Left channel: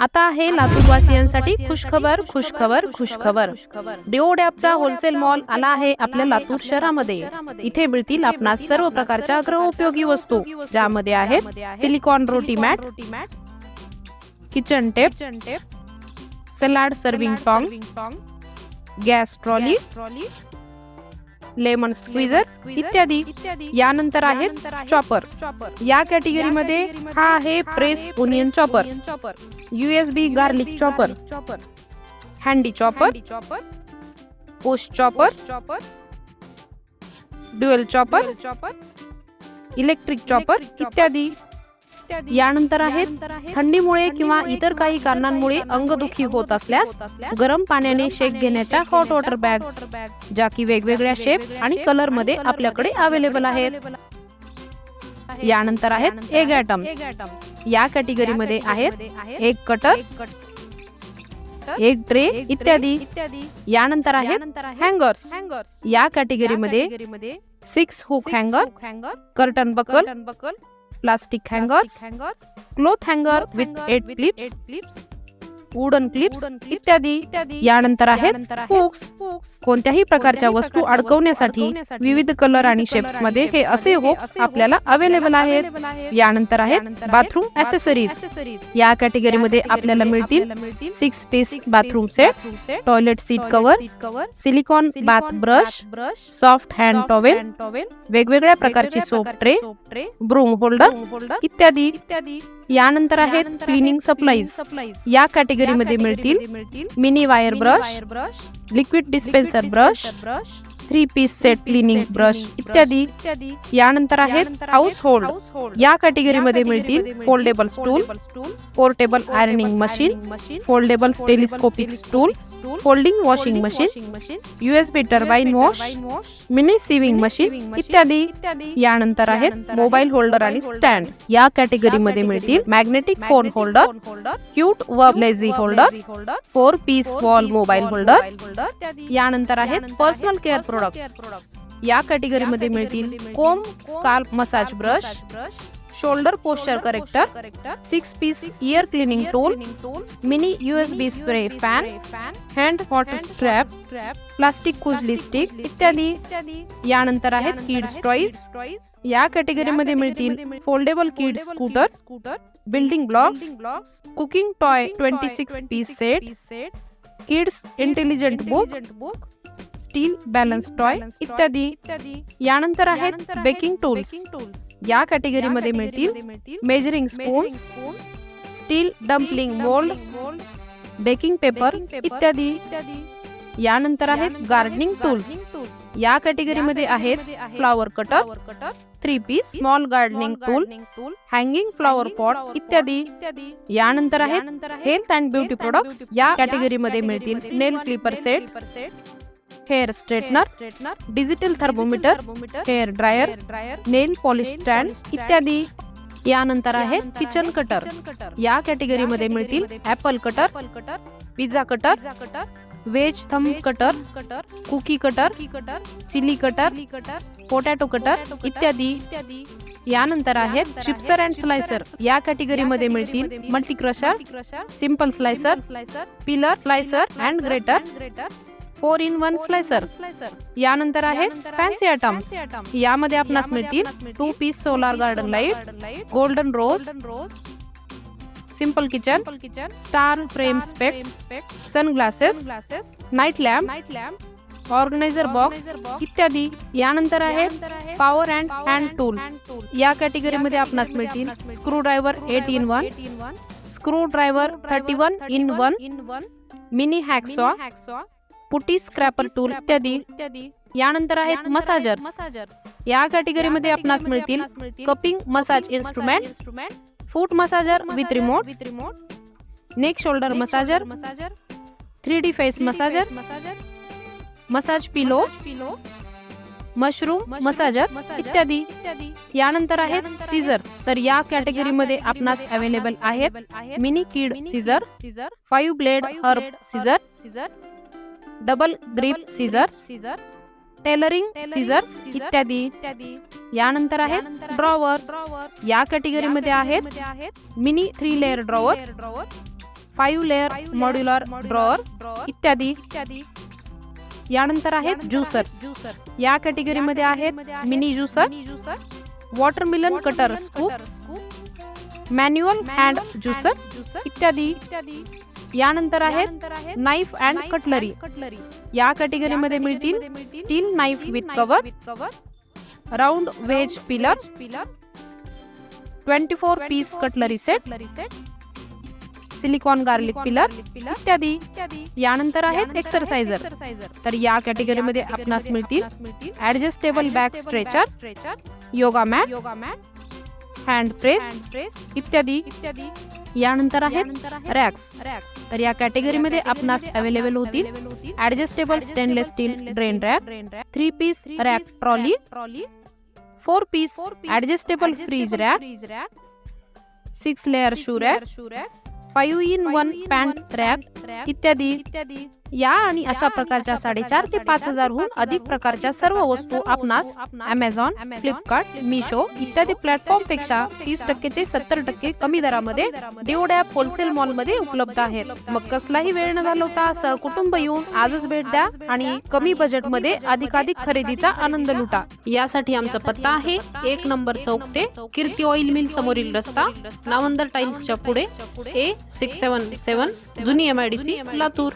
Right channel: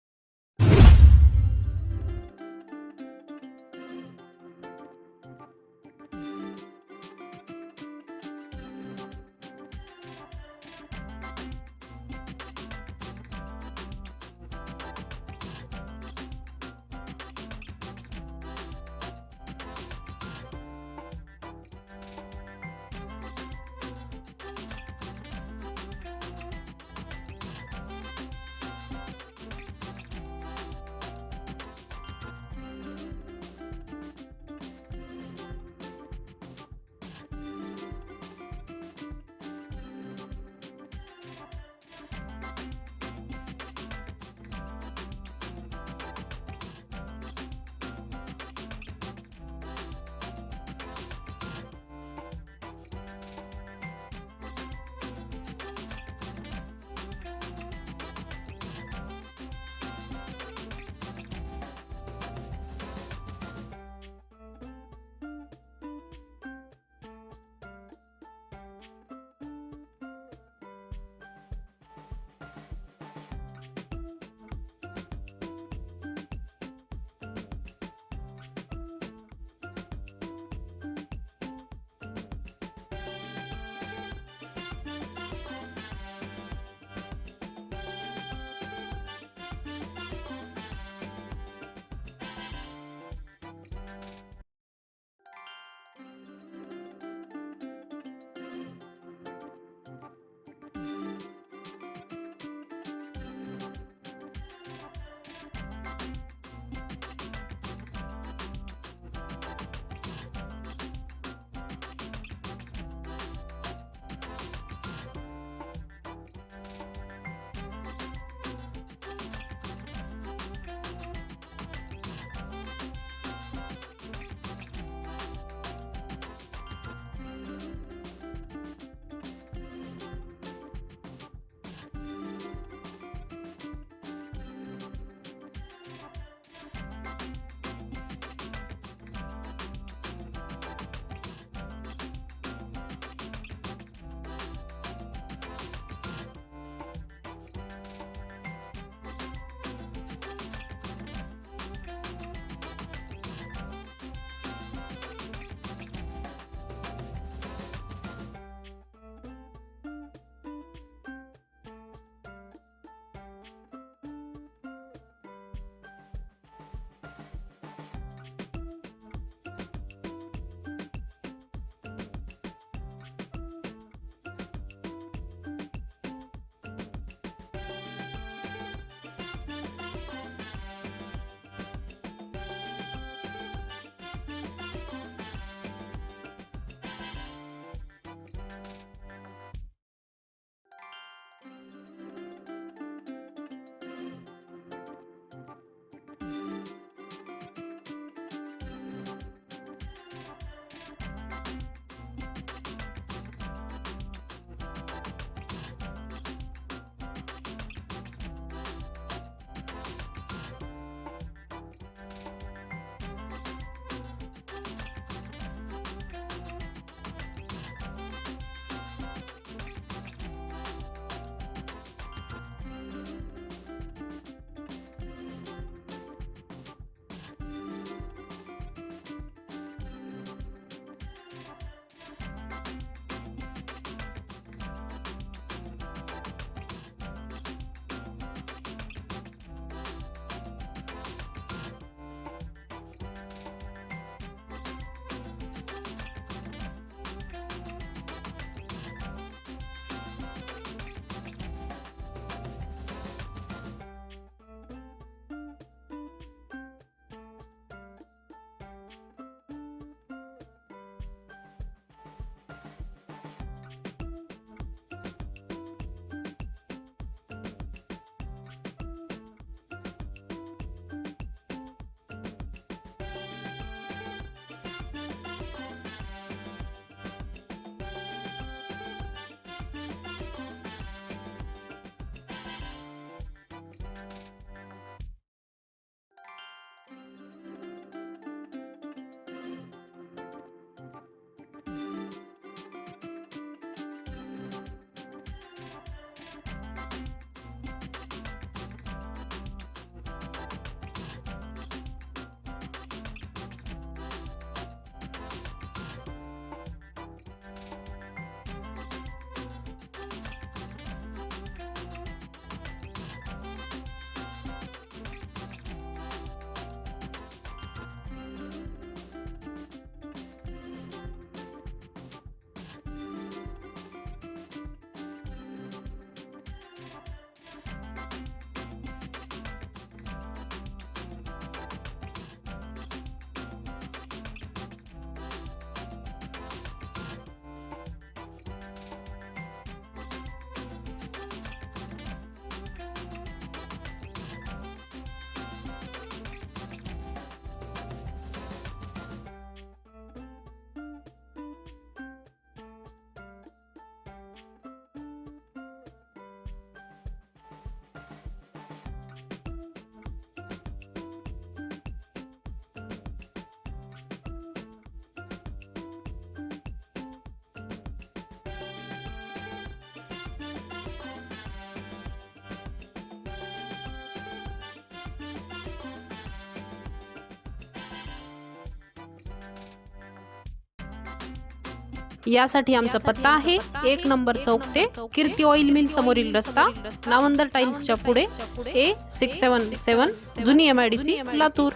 आता आहे लातूरवासियांसाठी खुशखबर खुशखबर खुशखबर डिओड ॲपचा होलसेल मॉल आला आहे आपल्या लातूर शहरामध्ये. इथे मिळतील आपणास सर्व प्रकारच्या गृहउपयोगी वस्तू. ज्यामध्ये आहेत silicone roti mat kitchen tape salad serving tong gas trolley lemon squeezer इत्यादी. यानंतर आहेत चॉपर. या कॅटेगरीमध्ये हा आहे press onion chopper. USB garlic chopper handy chopper post chopper chopper dual chopper electric chopper इत्यादी यानंतर आहेत थंडीमुळे किंवा इतर काही कारणांमुळे अंगदुखी होत असल्यास गरम पाण्याने शेक घेण्याच्या हॉट वॉटर बॅग्स ज्या की वेगवेगळ्या शेप आणि कलरमध्ये आपल्याकडे अवेलेबल आहेत. यानंतर आहेत एग ॲटम्स या कॅटेगरीमध्ये आहेत एक कटर एक ट्रे इत्यादी. यानंतर आहेत हँगर्स या कॅटेगरीमध्ये सिक्स हुक हँगर curtain buckle plastic hangers cloth हँगर with eight clips wooden clips इत्यादी. यानंतर आहेत हुक्स कोणत्याही प्रकारच्या वस्तू अडकवण्यासाठी विविध कलर आणि शेप्समध्ये हे असे हुक्स आपल्याला अवेलेबल आहेत. यानंतर आहेत बाथरूम ऍसेसरीज या कॅटेगरीमध्ये आपल्याला मिळतील six piece bathroom set toilet seat cover silicone bath brush soft hand towel वेगवेगळ्या प्रकारची सोप ट्रे ब्रूम होल्डर इत्यादी. यानंतर आहेत क्लिनिंग सप्लाईज या कॅटेगरीमध्ये मिळतील mini wire brush liquid dispenser brush three piece set cleaning brush इत्यादी. यानंतर आहेत हाऊस होल्ड या कॅटेगरीमध्ये मिळतील foldable stool portable ironing machine foldable telescopic stool folding washing machine USB turbine wash mini sewing machine इत्यादी यानंतर आहेत मोबाईल होल्डर आणि स्टँड या कॅटेगरीमध्ये मिळतील मॅग्नेटिक फोन होल्डर क्यूट व lazy holder four piece wall mobile holder यानंतर आहेत पर्सनल केअर प्रोडक्ट्स या कॅटेगरीमध्ये मिळतील comb scalp massage brush shoulder posture corrector six piece ear cleaning tool mini USB spray fan hand hot strap plastic कुजली stick इत्यादी यानंतर आहेत kids toys या कॅटेगरीमध्ये मिळतील foldable kids scooter building blocks cooking toy twenty six piece set kids intelligent book steel balance toy इत्यादी. यानंतर आहेत baking tools. या कॅटेगरीमध्ये मिळतील measuring spoons steel dumpling mould baking paper इत्यादी. यानंतर आहेत गार्डनिंग टूल्स. या कॅटेगरीमध्ये आहेत flower cutter three piece small gardening tool hanging flower pot इत्यादी यानंतर आहेत हेल्थ अँड ब्युटी प्रोडक्ट्स या कॅटेगरीमध्ये मिळतील nail clipper set hair straightener digital thermometer hair dryer nail polish stand इत्यादी. यानंतर आहे किचन कटर या कॅटेगरीमध्ये मिळतील apple cutter pizza cutter wedge thumb cutter cookie cutter chilli cutter potato cutter इत्यादी. यानंतर आहेत चिप्सर अँड स्लायसर या कॅटेगरीमध्ये मिळतील multi crusher simple slicer peeler slicer and grater four in one slicer यानंतर आहेत फॅन्सी आयटम्स. यामध्ये आपणास मिळतील two piece solar garden light golden rose simple kitchen star frame specs sunglasses night lamp organiser box इत्यादी. यानंतर आहेत power and hand tools या कॅटेगरीमध्ये आपणास मिळतील screwdriver eight in one screwdriver thirty one in one mini hacksaw putty scraper tool इत्यादी यानंतर आहेत मसाजर्स. या कॅटेगरीमध्ये आपणास मिळतील cupping massage instrument foot massager with remote neck shoulder massager three D face massager massage pillow mushroom massager इत्यादी यानंतर आहेत सीझर्स तर या कॅटेगरीमध्ये आपणास अवेलेबल आहेत mini kid scissor five blade herb scissor double grip scissors tailoring scissors इत्यादी। यानंतर आहेत ड्रॉवर्स या कॅटेगरीमध्ये आहेत mini three layer drawer five layer modular इत्यादी। इत्यादी। यानंतर आहेत ज्युसर्स या कॅटेगरीमध्ये आहेत mini juicer watermelon cutter scoop manual hand juicer इत्यादी। यानंतर आहेत नाईफ अँड कटलरी या कॅटेगरीमध्ये मिळतील steel knife with cover round veg peeler twenty four piece cutlery set silicone garlic peeler इत्यादी यानंतर आहेत एक्सरसाइजर तर या कॅटेगरीमध्ये आपणास मिळतील adjustable back stretcher yoga mat hand press इत्यादी इत्यादी यानंतर आहेत रॅक्स. तर या कॅटेगरीमध्ये आपणास अवेलेबल होतील adjustable stainless steel drain rack three piece rack trolley four piece adjustable fridge rack six layer shoe rack five in one pant rack इत्यादी. इत्यादी. या आणि अशा प्रकारच्या साडेचार ते पाच हजारहून अधिक प्रकारच्या सर्व वस्तू आपणास अमेझॉन फ्लिपकार्ट मिशो इत्यादी प्लॅटफॉर्मपेक्षा तीस टक्के ते सत्तर टक्के कमी दरामध्ये देवड्या होलसेल मॉलमध्ये उपलब्ध आहेत. मग कसलाही वेळ न घालवता सहकुटुंब येऊन आजच भेट द्या आणि कमी बजेटमध्ये अधिकाधिक खरेदीचा आनंद लुटा. यासाठी आमचा पत्ता आहे एक नंबर चौक ते कीर्ती ऑइल मिल समोरील रस्ता नावंदर टाइल्सच्या पुढे ए सिक्स सेवन सेवन जुनी एमआयडीसी लातूर.